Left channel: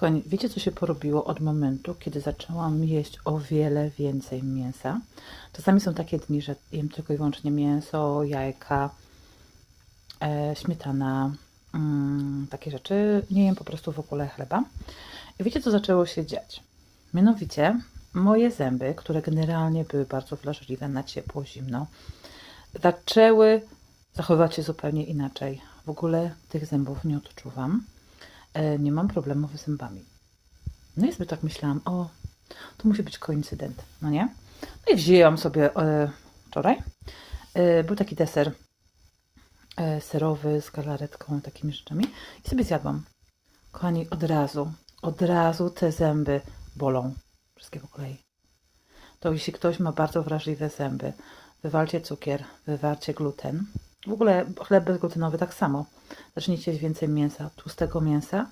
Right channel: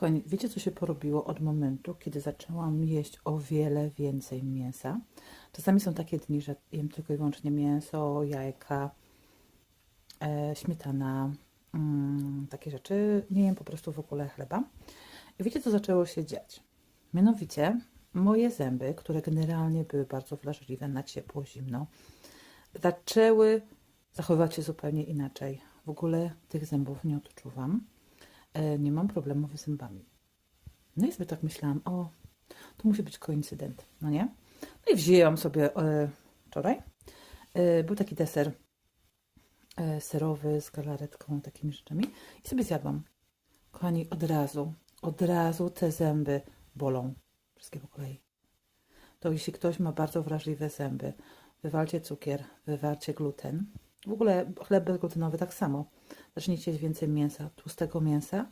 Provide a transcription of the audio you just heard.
Kochani, wiecie co się porobiło od momentu, kiedy zaczęłam jeść o wiele więcej mięsa? Czasami są takie dni, że jem tylko i wyłącznie mięso, jajka, e, śmietana, mm, takie rzeczy. Nie jem po prostu w ogóle chleba. I wiecie co zaczęło się dziać? Mianowicie moje zęby, które generalnie były bardzo wrażliwe na ciepło, zimno, zaczęły zachowywać się zupełnie inaczej. W ogóle tych zębów nie odczuwam. E, nie mam problemów z zębami. No i sobie tak myślałam, o, to musi być koincydent, no nie? No i wzięłam sobie e, wczoraj. E, był taki deser e, serowy z galaretką, takimi rzeczami i sobie zjadłam. Kochani, od razu, od razu te zęby bolą. Wszystkie po kolei. To jeśli ktoś ma bardzo wrażliwe zęby, wywalcie cukier, wywalcie gluten. W ogóle chleb bezglutenowy tak samo. Zacznijcie jeść więcej mięsa, tłustego mięsa